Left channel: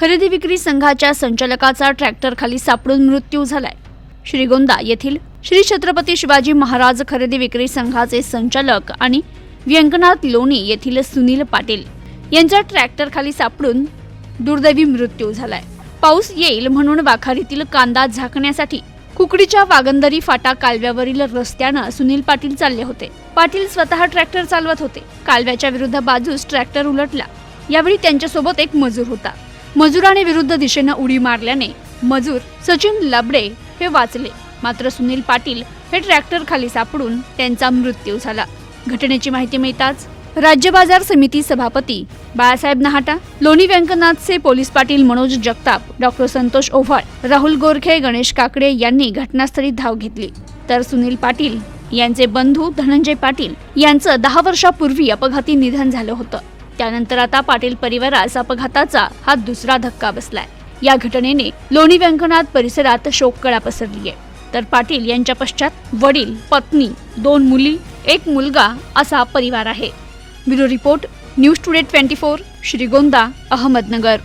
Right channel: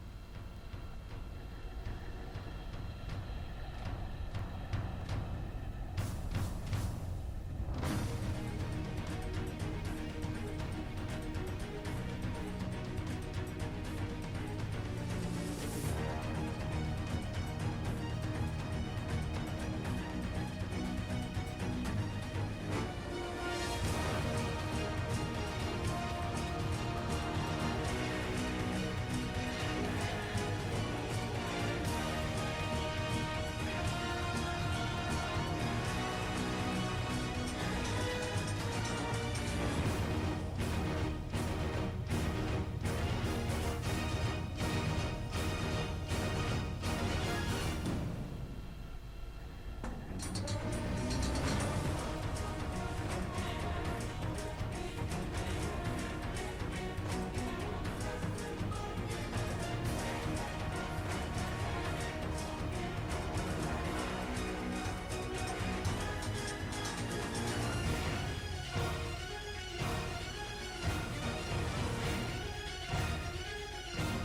खरेदी विक्री संघाच्या संचालकाचा ट्रॅक्टर खाली सापडून मृत्यू झालाय. श्रीगोंदा येथील श्री छत्रपती शिवाजी महाराज खरेदी विक्री संघाचे संचालक आणि व्यंकनाथ लोणी येथील सुनील पाटील यांचा ट्रॅक्टर खाली सापडून दुर्दैवी मृत्यू झालाय. पाऊस येईल म्हणून वाखारीतील कांदा झाकण्यासाठी कुकडीच्या वागंदरी फाटा कालव्यावरील रस्त्यानं सुनील पाटील चालले होते. पाटील स्वतः ट्रॅक्टर चालवत होते. कालव्याच्या विरुद्ध बाजूस ट्रॅक्टर उलटला. यावेळी त्यांच्यासोबत एक मजूर होता. मजुराने विरुद्ध दिशेनं उडी मारल्याने मजूर सचिन लबडे हे वाचले. मात्र सुनील पाटील हे ट्रॅक्टर खाली सापडून त्यांचा मृत्यू झाला. घटनेची माहिती मिळताच राज्य बाजार समिती सभापती बाळासाहेब नहाटा लोणी व्यंकनाथचे पोलीस पाटील मनोज जगताप डॉक्टर संतोष ओव्हाळ राहुल गोरखे गणेश काकडे यांनी घटनास्थळी धाव घेतली. तर सुनील पाटील यांचे बंधू धनंजय पाटील यांचं दहा वर्षापूर्वी अपघाती निधन झालं होतं. त्यानंतर आता पाटील परिवारास अपघाताचा हा दुसरा धक्का बसलाय. या घटनेने लोणी व्यंकनाथ परिसरात शोककळा पसरली आहे तर पाटील यांच्या पश्चात वडील पत्नी दोन मुली एक मुलगा असा परिवार आहे. Bureau report news today twenty four Shrigonda Ahmednagar.